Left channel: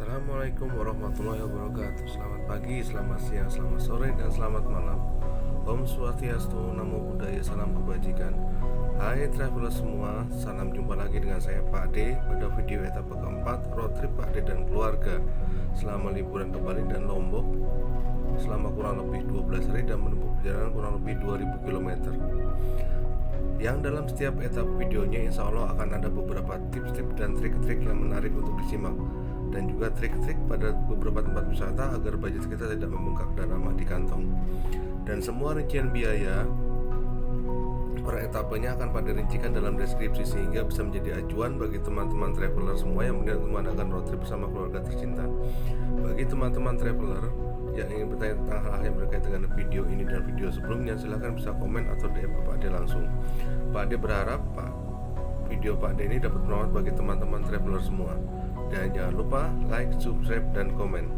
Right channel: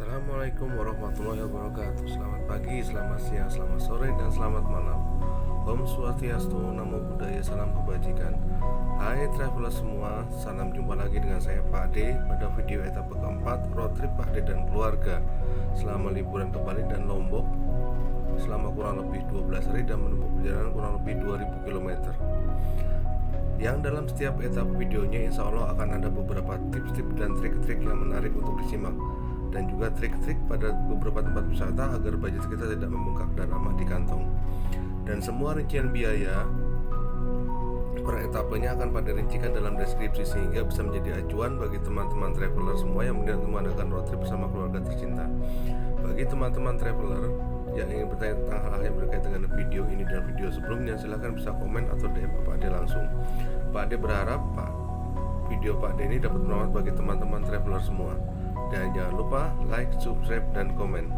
Assalamualaikum warahmatullahi wabarakatuh. Selamat pagi, selamat siang, selamat sore, dan selamat malam. Om Swastiastu, Namo Buddhaya, salam kebajikan. Hai traveler semua, salam jumpa lagi dengan saya Pak D pada video etapa keempat road trip Pak D dan keluarga selama liburan ke Bali dan Lombok selama kurang lebih 12 hari dan menempuh perjalanan kurang lebih 2000 km. Yang dalam setiap etapa videonya insya Allah akan ada beberapa tips-tips dan trik-trik yang menarik untuk disimak, dan juga trik-trik pada beberapa tempat wisata agar budget kita tidak membengkak dan aman di kantong. Dan semua rincian biaya per etapenya akan pada rincikan dalam deskripsi sehingga bisa menjadi acuan bagi teman-teman traveler semua yang mengadakan road trip bersama keluarga tercinta. Bagi teman-teman traveler yang ingin bertanya tentang hal-hal yang berkaitan dengan video ini dan video sebelumnya, silahkan bisa komen atau DM ke Pak Ade langsung. Pak Ade berharap video Pak Ade ini dapat bermanfaat bagi teman-teman traveler semua. Dan jangan lupa like, subscribe, dan komen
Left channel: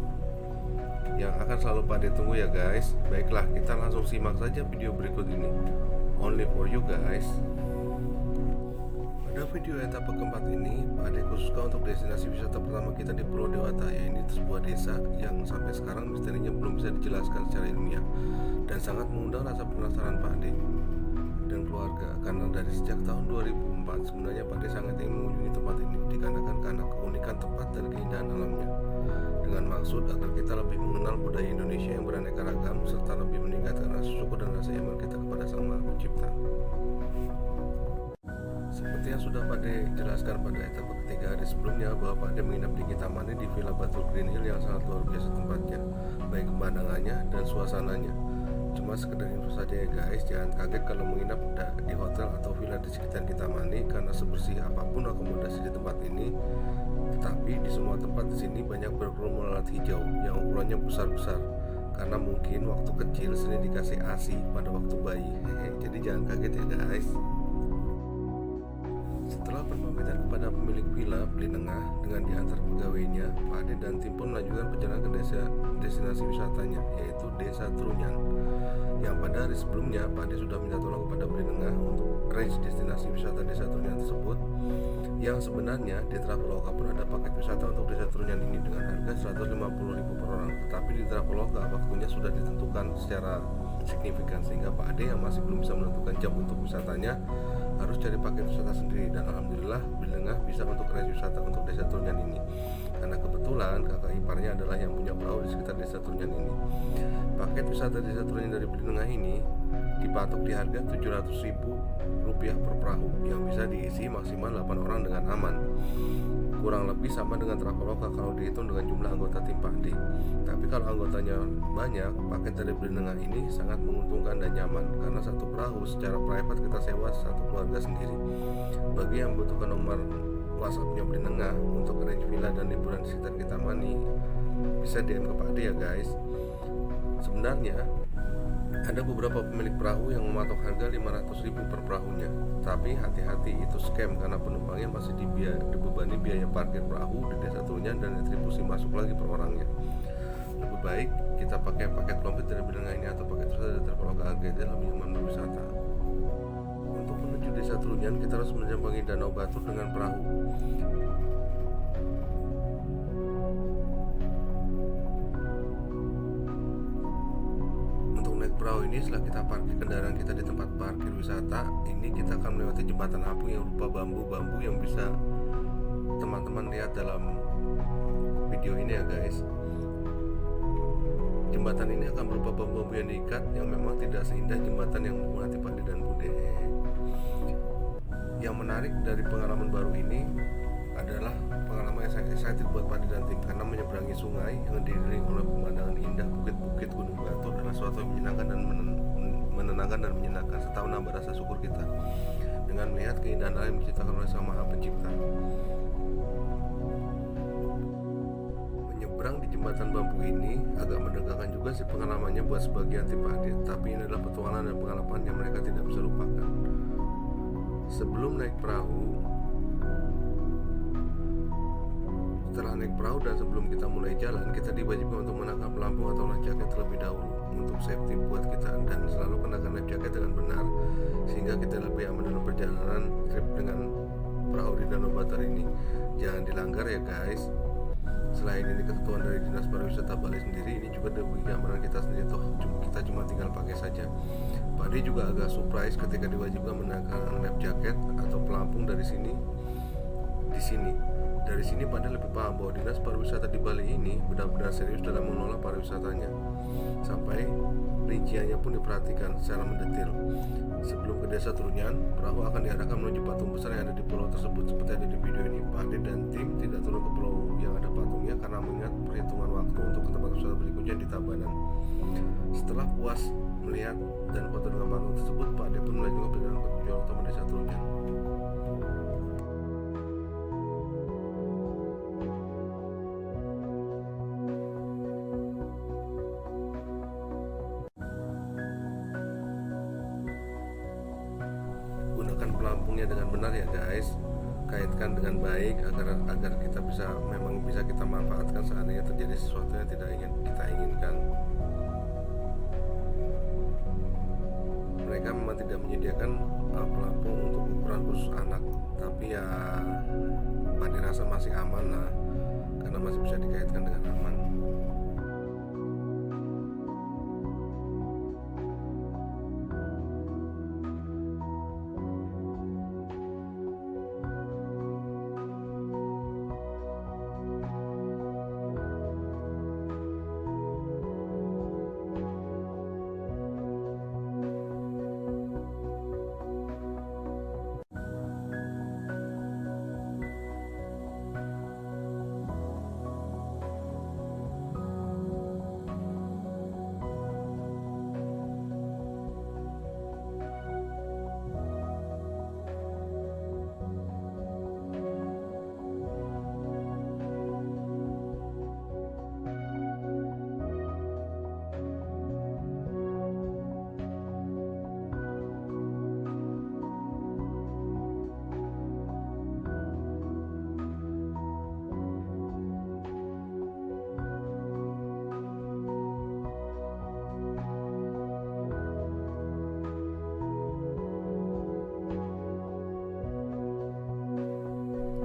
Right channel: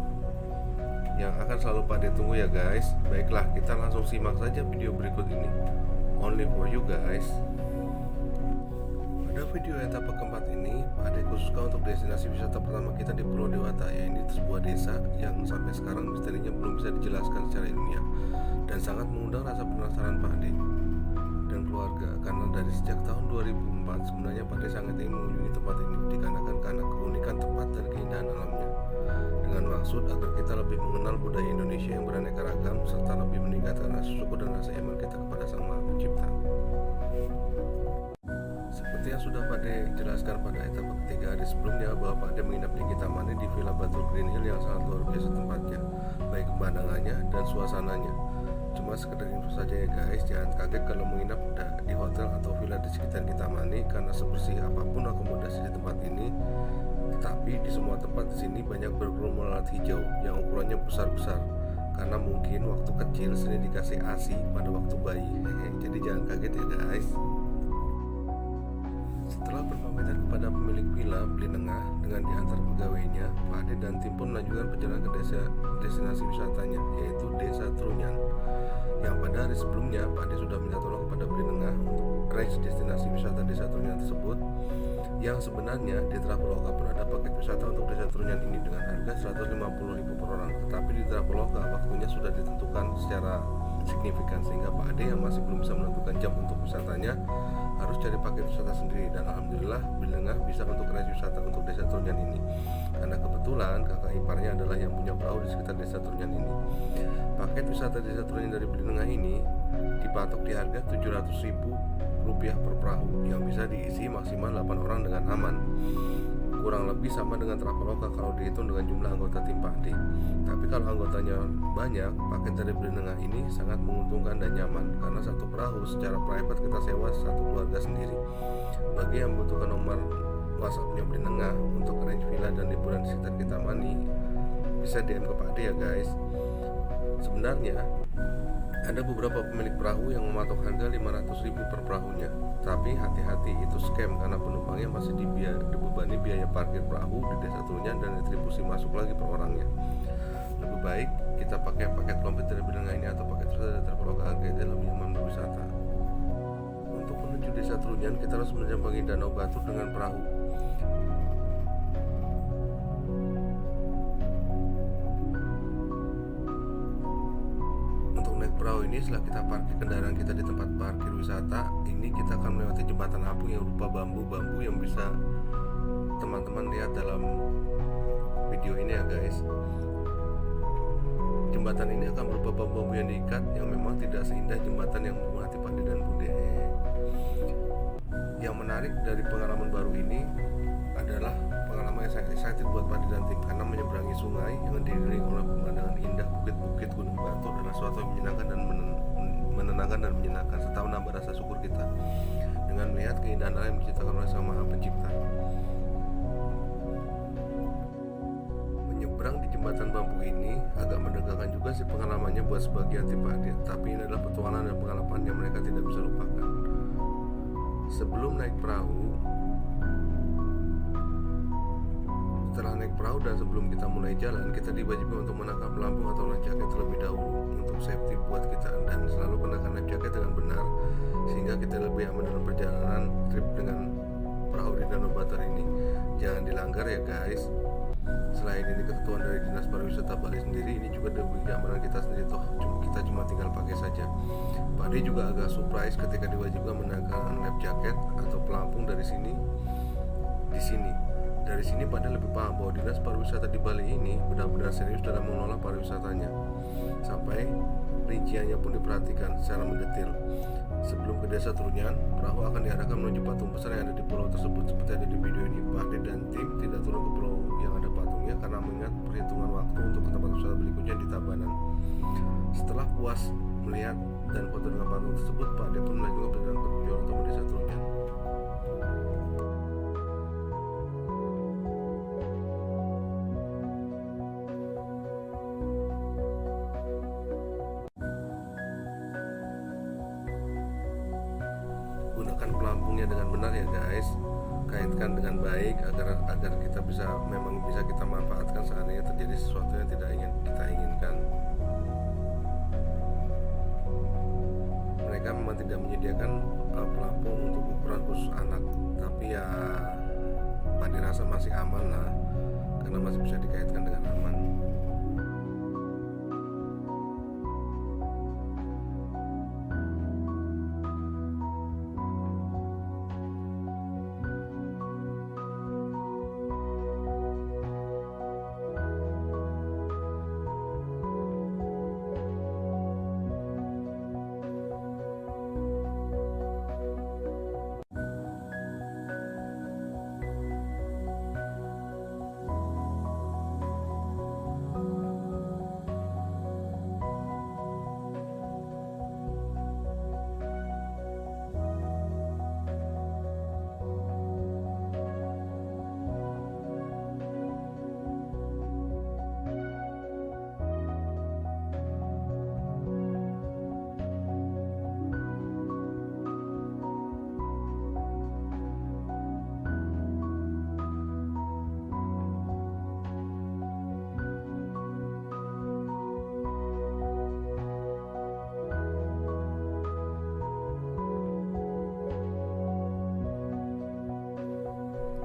yang akan selalu Pak Ade tunggu ya guys. Baiklah, kita langsung simak saja video berikut ini. Only for you guys. Pada video etapa keempat ini, Pak Ade khususkan untuk destinasi wisata pertama kita di Pulau Dewata, yaitu sebuah desa yang sampai sekarang misterinya belum bisa dijelaskan secara ilmiah dan sangat mengundang rasa penasaran Pak Ade dan keluarga, karena dari sejak tahun 2004 sebenarnya Pak Ade sangat ingin mengunjungi tempat ini dikarenakan karena keunikan tempat dan keindahan alamnya, dengan maksud agar kita lebih mengenal budaya Indonesia yang beraneka ragam serta lebih meningkatkan rasa syukur dan rasa iman kita kepada Sang Maha Pencipta. Seperti yang sudah Pak Ade jelaskan pada etapa ketiga hari sebelumnya, bahwa Pak Ade menginap di Kintamani di Villa Batu Green Hill yang sangat luar biasa tempatnya, baik pemandangannya dan suasananya. Cuma sekedar info saja ya guys, jangan kaget kalau menginap di hotel atau villa di sekitar Kintamani karena sebersih apapun akomodasi di tempat ini. Tetapi di semua tempat di sini banyak berkerumun lalat hijau yang ukurannya besar-besar, karena mungkin waktu kecil sini dikasih ASI pada waktu bayi. Jadi jangan kaget ya guys. Setelah berpamitan kepada pemilik villa Belinengah dengan diantar pegawainya, Pak Ade dan tim pun melanjutkan perjalanan ke destinasi wisatanya, yaitu Desa Trunyan. Yang pada hari sebelumnya Pak Ade sudah minta tolong kepada Belinengah untuk arrange destinasi wisata Desa Trunyan tersebut, yang sebenarnya di Traveloka pun ada paket wisata untuk Desa Trunyan ini dengan harga 150.000 per orang. Tetapi di Traveloka waktunya sudah ditentukan secara signifikan sehingga Pak Ade yang masih belum bisa menentukan jam untuk wisatanya harus cari paket wisata sendiri. Dan alhamdulillah Belinengah bisa untuk arrange wisata untuk Desa Trunyan ini, karena kebetulan kakak iparnya adalah yang punya perahu di sekitar Desa Trunyan ini. Paket wisata Desa Trunyan dari Belinengah ini dipatok di harga Rp700.000 per perahu yang bisa diisi maksimal 8 orang dengan aman. Kurang lebih sama dengan Traveloka kalau dihitung dengan jumlah anggota tim Pak D. Tapi kalau anggotanya banyak, paket dari Belinengah ini sangat menguntungkan dan nyaman, karena satu perahu secara private kita sewa satu keluarga sendiri. Bagi yang membutuhkan nomor WhatsAppnya Belinengah untuk arrange villa dan liburan di sekitar Kintamani, bisa DM ke Pak D ya guys. Sebenarnya ada beberapa pemilik perahu yang mematok harga 500.000 per perahunya. Tapi hati-hati, itu scam karena penumpangnya masih dibebani biaya parkir perahu di Desa Trunyan dan retribusi masuk lagi per orangnya. Lebih baik kita pakai paket komplit dari Belinengah ini atau paket wisata dari Traveloka agar dalam nyaman berwisata. Untuk menuju Desa Trunyan kita harus menyeberangi Danau Batur dengan perahu. Perahu ini setelah kita parkir kendaraan kita di tempat parkir wisata ini, kita akan melewati jembatan apung yang berupa bambu-bambu yang bisa teman-teman lihat dalam video ini ya guys. Jembatan ini akan berupa bambu-bambu yang diikat yang memang tidak seindah jembatan yang memuati Pak Ade dan Bude. Yang menarik dari pengalaman baru ini adalah pengalaman yang sangat excited buat Pak Ade dan tim, karena menyeberangi sungai yang dikelilingi oleh pemandangan indah bukit-bukit gunung batu adalah suatu yang menyenangkan dan menenangkan dan menyenangkan, serta menambah rasa syukur kita dengan melihat keindahan alam yang diciptakan oleh Sang Maha Pencipta. Menyeberang di jembatan bambu ini agak menegangkan juga sih pengalamannya buat sebagian tim Pak Ade, tapi ini adalah petualangan dan pengalaman yang mereka tidak bisa lupakan. Sebelum naik perahu, setelah naik perahu dan sebelum kita mulai jalan, kita diwajibkan untuk menangkap pelampung atau life jacket terlebih dahulu untuk safety buat kita, dan selalu kenakan life jacket dengan benar sehingga kita lebih aman dalam perjalanan trip dengan perahu di Danau Batur ini. Jangan dilanggar ya guys. selain ini ketentuan dari Dinas Pariwisata Bali sendiri, ini juga demi keamanan kita sendiri, toh kita cuma tinggal pakai saja. Pak D juga agak surprise ketika diwajibkan mengenakan life jacket atau pelampung dari sini. Dari sini Pak D lebih paham bahwa Dinas Pariwisata di Bali ini benar-benar serius dalam mengelola pariwisatanya. Sampai rinciannya pun diperhatikan secara mendetil. Sebelum ke Desa Trunyan, perahu akan diarahkan menuju patung besar yang ada di pulau tersebut. Seperti ada di video ini, Pak D dan tim tidak turun ke pulau yang ada patungnya karena mengingat perhitungan waktu untuk ke tempat wisata berikutnya di Tabanan. Setelah puas melihat dan foto dengan patung tersebut, Pak D pun melanjutkan perjalanan ke tujuan utama Desa Trunyan. Gunakan pelampungnya dengan benar ya guys, kaitkan dengan baik agar kita bisa kita manfaatkan seandainya terjadi sesuatu yang tidak kita inginkan. Mereka memang tidak menyediakan pelampung untuk ukuran khusus anak, tapi ya Pak dirasa masih aman lah, karena masih bisa dikaitkan dengan aman.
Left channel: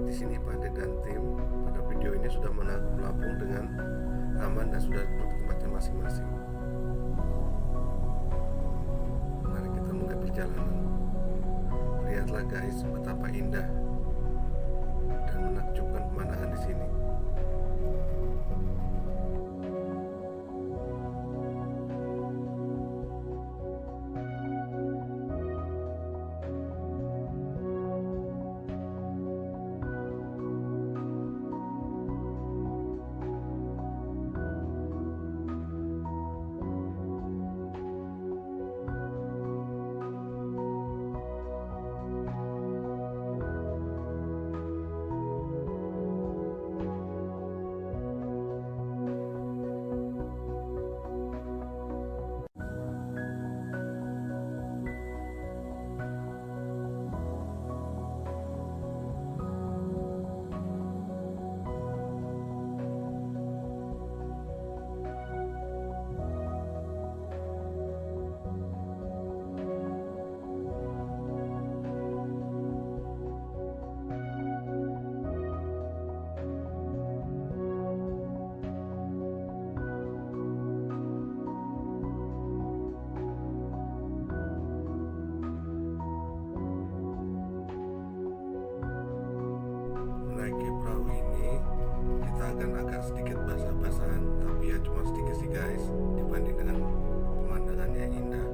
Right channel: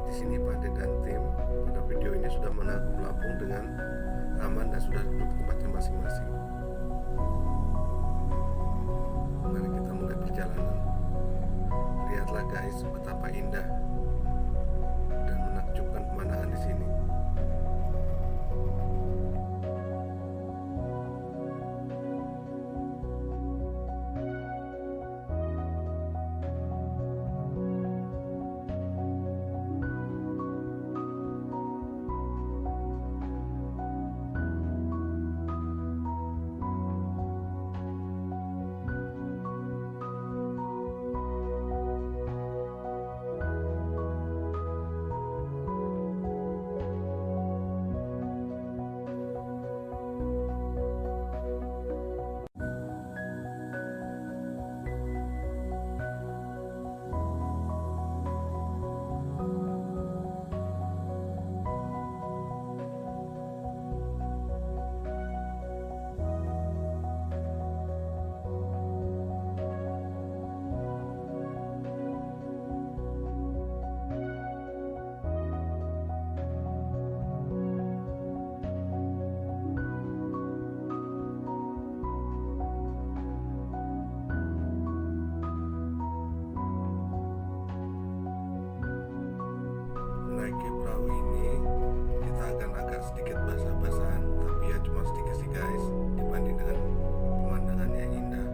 Di sini Pak D dan tim pada video ini sudah menangkap pelampung dengan aman dan sudah duduk di tempatnya masing-masing. Mari kita mulai perjalanan. Lihatlah guys betapa indah dan menakjubkan pemandangan di sini. Menaiki perahu ini kita akan agak sedikit basah-basahan, tapi ya cuma sedikit sih guys dibanding dengan pemandangannya yang indah.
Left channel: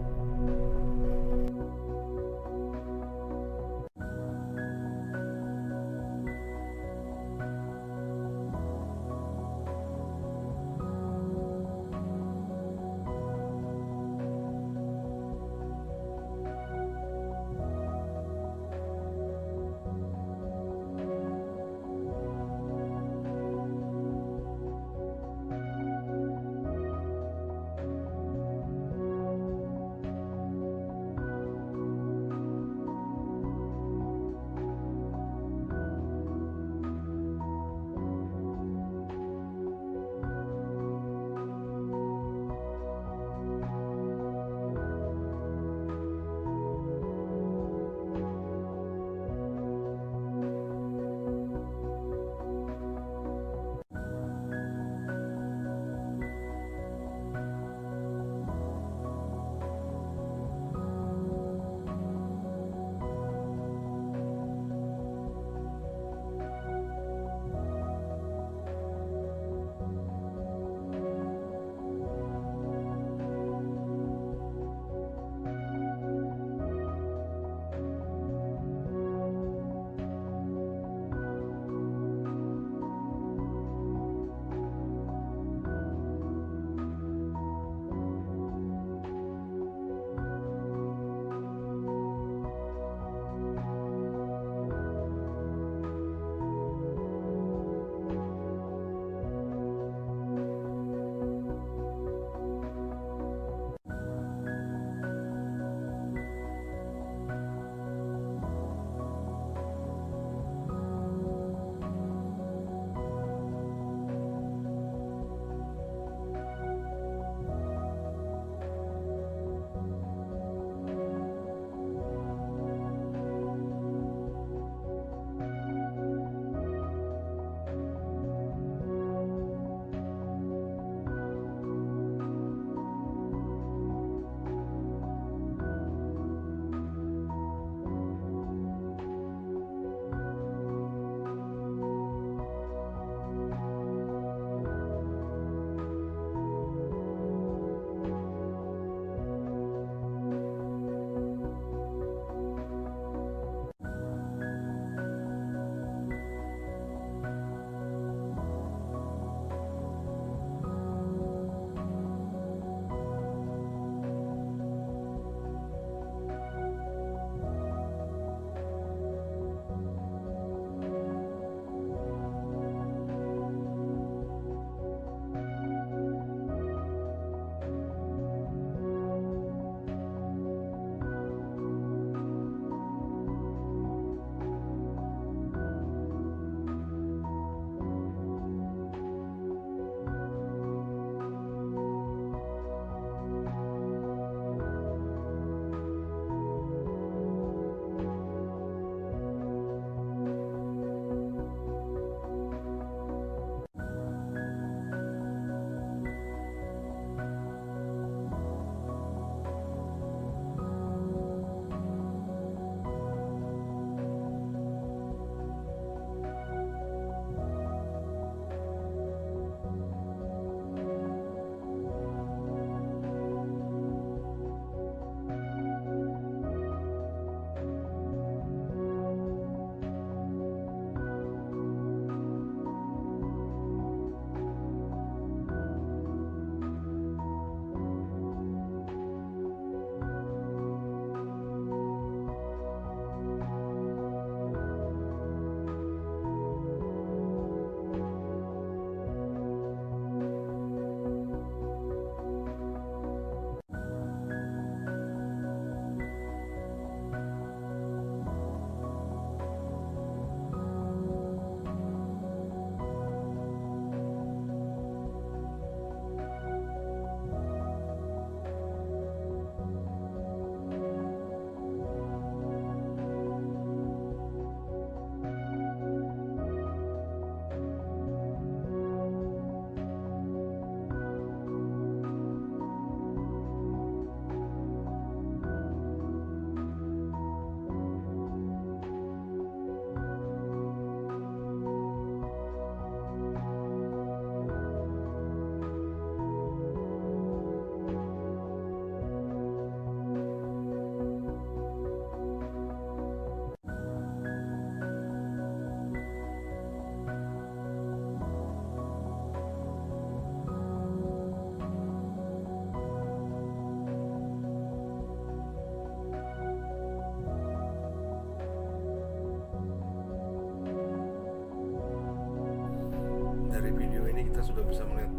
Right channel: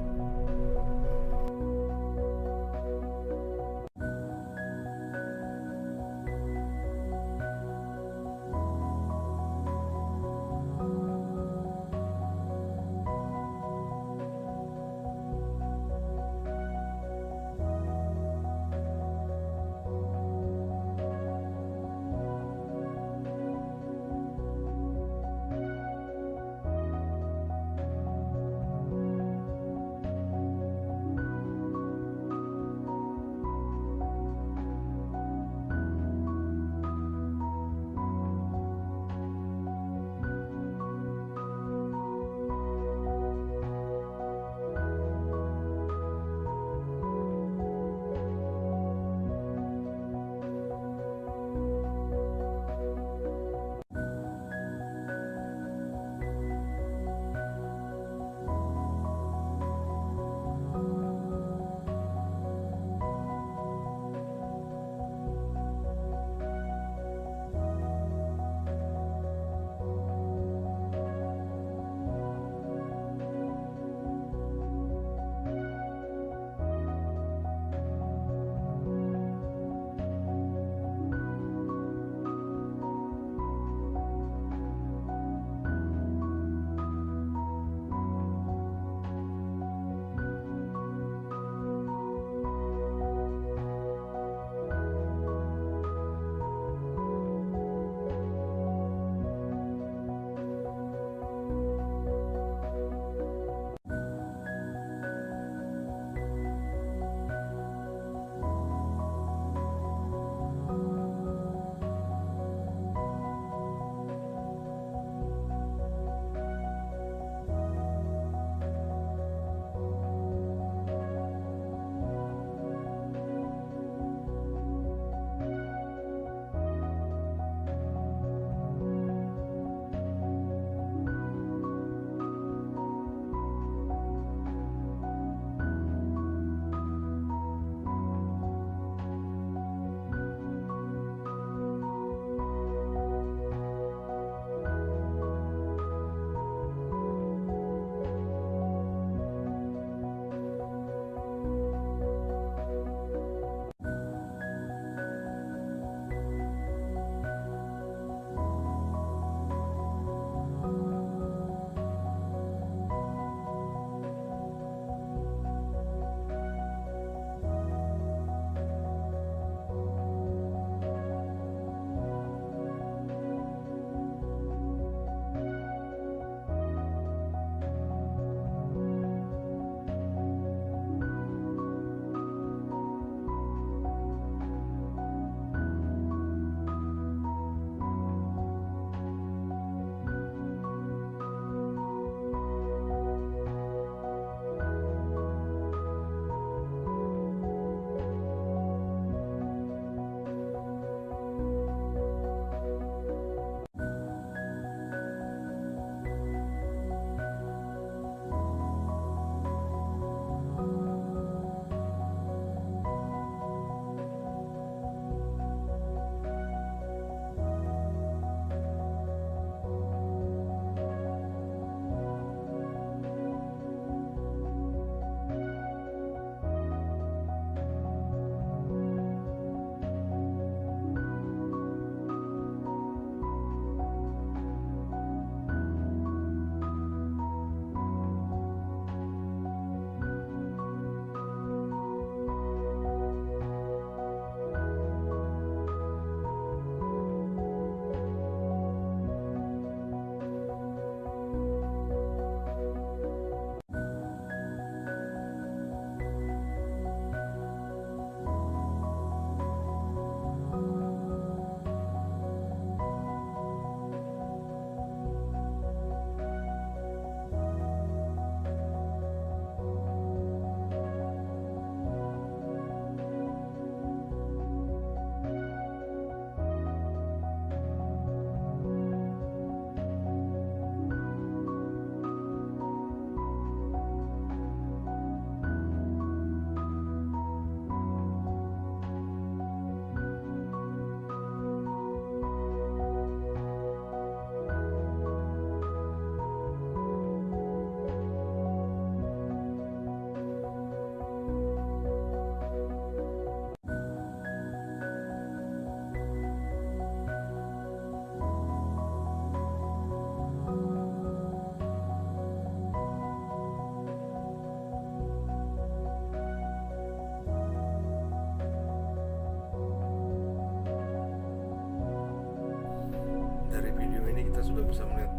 ini kita sudah bisa melihat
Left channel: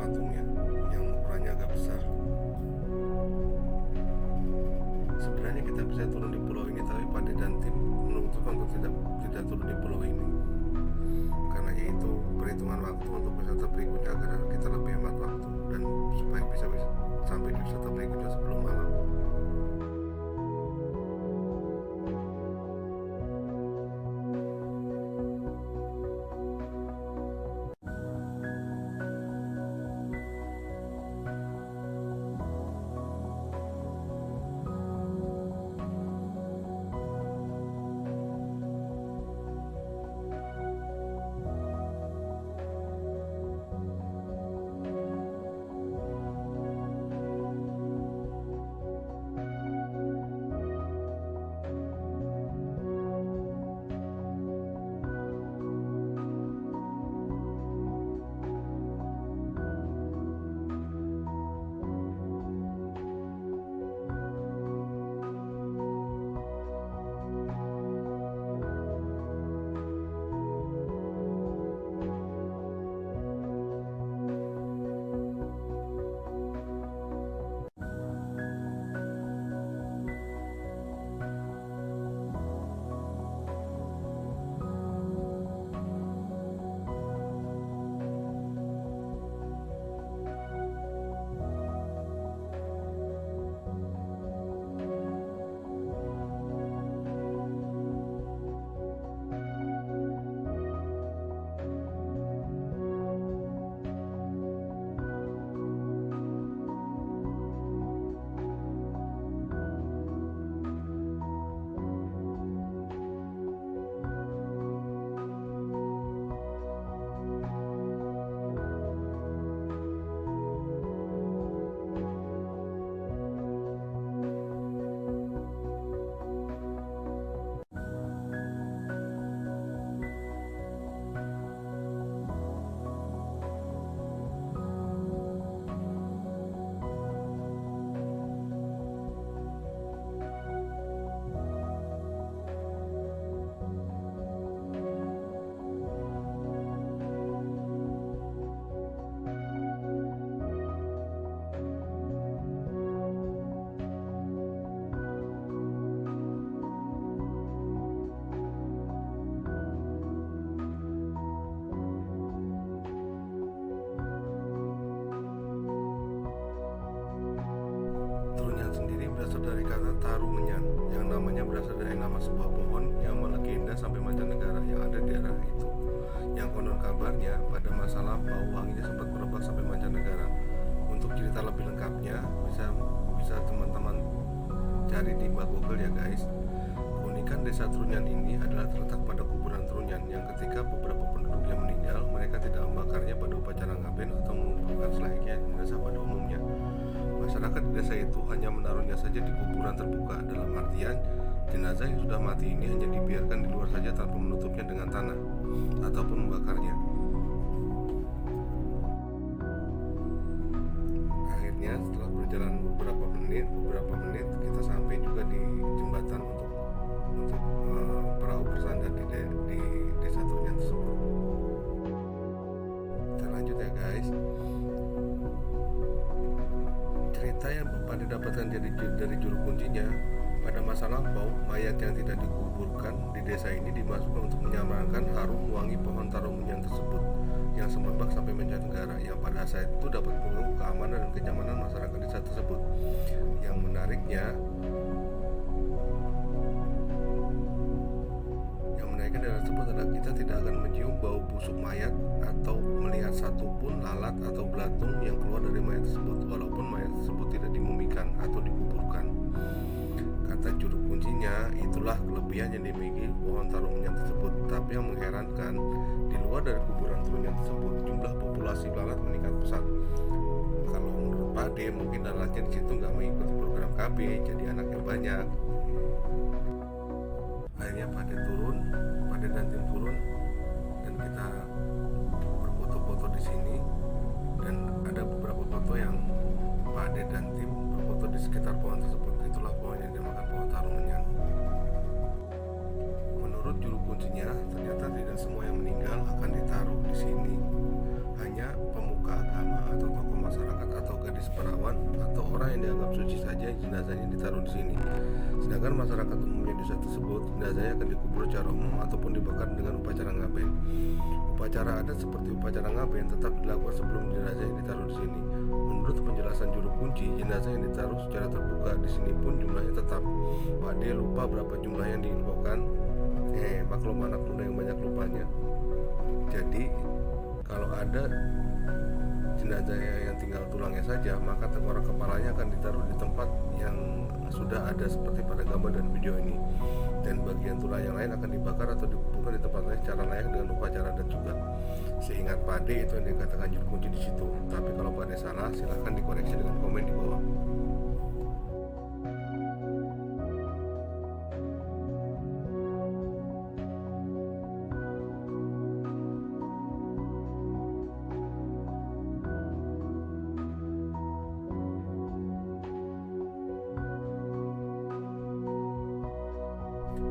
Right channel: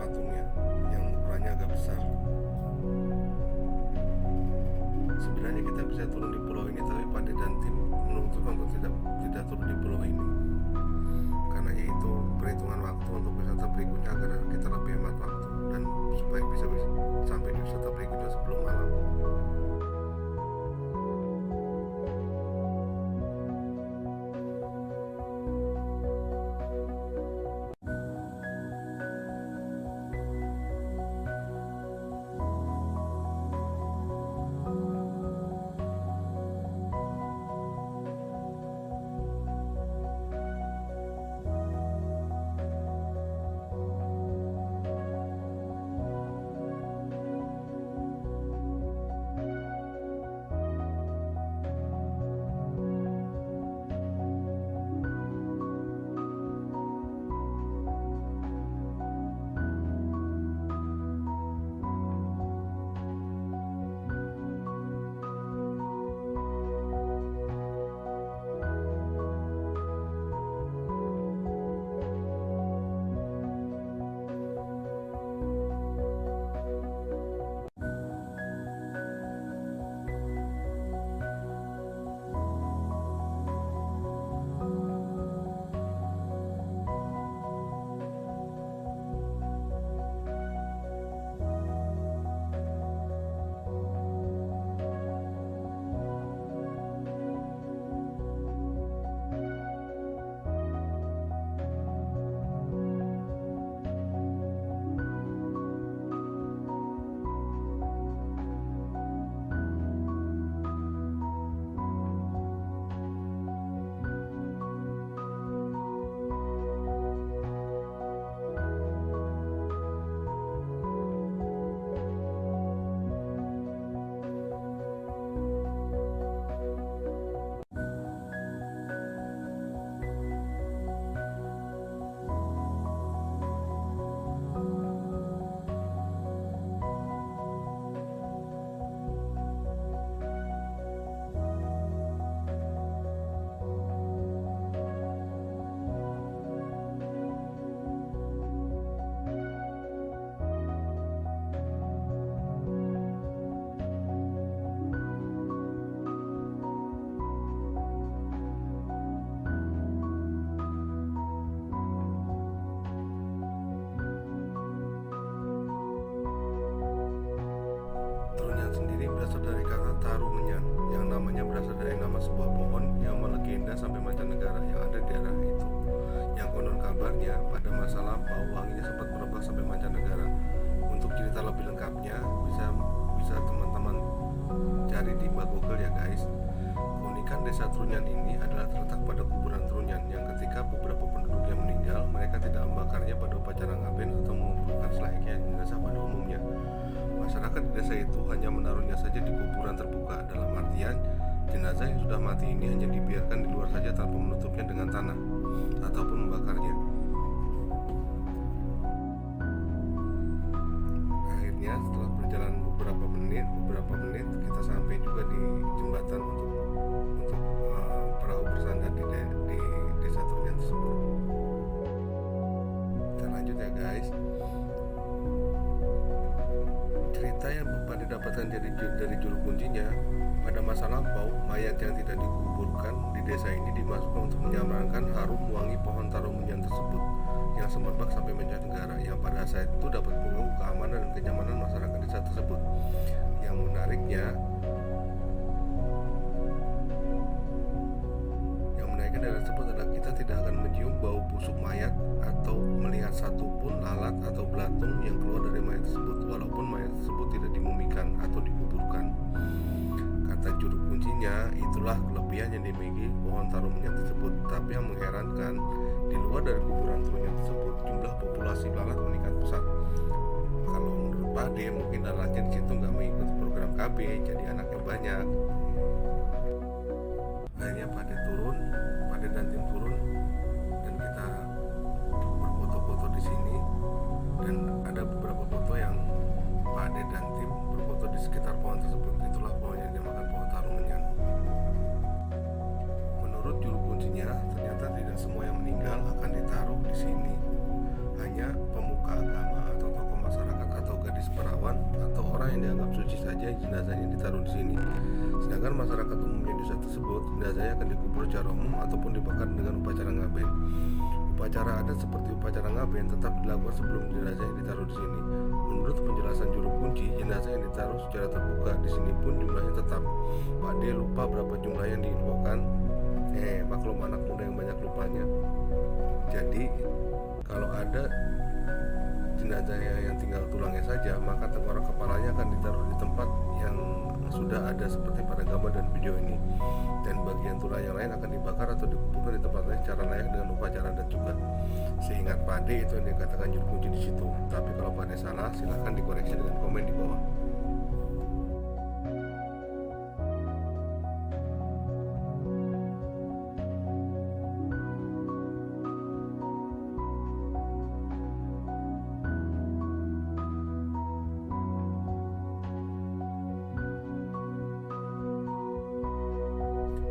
patungnya yang ukurannya agak besar. Sebenarnya kita bisa turun di pulau ini, tapi Pade dan tim menuntutkan untuk tidak turun di pulau ini, karena yaitu perhitungan waktu untuk wisata berikutnya agar kita lebih hemat waktu dan supaya bisa sampai di wisata berikutnya sebelum malam. Trunyan sendiri berasal dari kata Tarumenyan, yang namanya berasal dari nama sebuah pohon yang melegenda sampai mancanegara yang ada di daerah itu. Yang konon kabarnya pada masa lampau wanginya sempat merebak sampai mancanegara. Untuk cerita lebih lengkapnya bisa teman-teman cari di Google ya guys. Keunikan desa Trunyan ini adalah terletak pada kuburan Trunyan yang ketika beberapa penduduknya meninggal, mereka tidak membakarnya pada upacara ngaben atau mengumpulkan selayaknya jenazah pada umumnya. Masyarakat di desa itu hanya menaruhnya saja di kuburan terbuka, dalam artian jenazah yang sudah mati ini hanya dibiarkan di luar saja tanpa menutupnya dengan tanah ataupun membakarnya. Akhirnya setelah berjalan beberapa menit kita sampai juga di jembatan untuk perahu bersandar di desa Trunyan tersebut. Kita lanjut ya guys. Cerita yang Pade dapatkan dari juru kuncinya, pada masa lampau mayat yang tidak dikuburkan di desa ini dimasukkan untuk menyamarkan harum wangi pohon Tarumenyan tersebut yang semerbak sampai mancanegara, yang pada saat itu dapat mengganggu keamanan dan kenyamanan masyarakat desa tersebut. Yang menariknya daerah tersebut adalah kita tidak akan mencium bau busuk mayat atau melihat satupun lalat atau belatung yang keluar dari mayat tersebut, walaupun mayat tersebut tidak dimumikan atau dikuburkan. Kata juru kuncinya, itulah kelebihan yang dimiliki pohon Tarumenyan tersebut. Tapi yang mengherankan, di luar dari kuburan Trunyan tersebut, jumlah populasi lalat meningkat pesat. Kalau menurut Pade, mungkin lalatnya di situ nggak mengikuti program KB, jadi anaknya banyak. Akhirnya Pade dan tim turun, dan kita berfoto-foto di sini, dan ada beberapa foto yang Pade dan tim berfoto di sekitar pohon tersebut. Itulah pohon yang dinamakan pohon Tarumenyan. Menurut juru kuncinya, ternyata tidak semua yang meninggal akan ditaruh di sini. hanya pemuka agama atau tokoh masyarakat atau gadis perawan atau orang yang dianggap suci saja jenazahnya ditaruh di sini. Sedangkan masyarakat umumnya di desa tersebut, jenazahnya akan dikubur secara umum ataupun dibakar dengan upacara ngaben. Upacara adat seperti upacara ngaben tetap dilakukan sebelum jenazahnya ditaruh di sini. Menurut penjelasan juru kunci, jenazah yang ditaruh secara terbuka di sini pun jumlahnya tetap. Pak D lupa berapa jumlah yang diinfokan. Maklum anak muda yang banyak lupanya. Jadi kalau ada jenazahnya yang tinggal tulangnya saja, maka tengkorak kepalanya akan ditaruh di tempat yang sudah ada seperti pada gambar dan video ini, dan bagian tulang yang lain akan dibakar atau dikuburkan di tempat lain secara layak dengan upacara adat juga. Seingat Pak D itu yang dikatakan juru kunci di situ. Tapi kalau Pak D salah, silahkan dikoreksi dengan komen di bawah.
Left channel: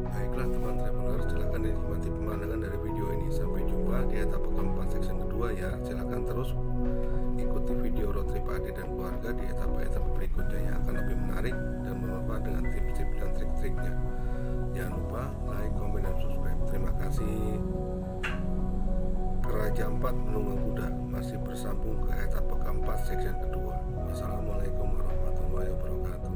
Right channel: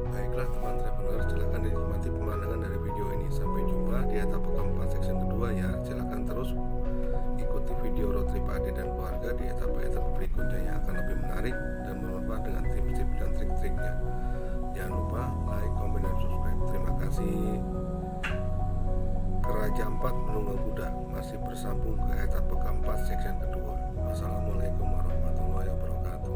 Baiklah teman traveler, silahkan dinikmati pemandangan dari video ini. Sampai jumpa di etapa keempat section kedua ya. Silahkan terus ikuti video road trip Ade dan keluarga di etapa-etapa berikutnya yang akan lebih menarik dan bermanfaat dengan tips-tips dan trik-triknya. Jangan lupa like, komen, dan subscribe. Terima kasih. Keraja 4 menunggang kuda masih bersambung ke etapa keempat section kedua. Wassalamualaikum warahmatullahi wabarakatuh.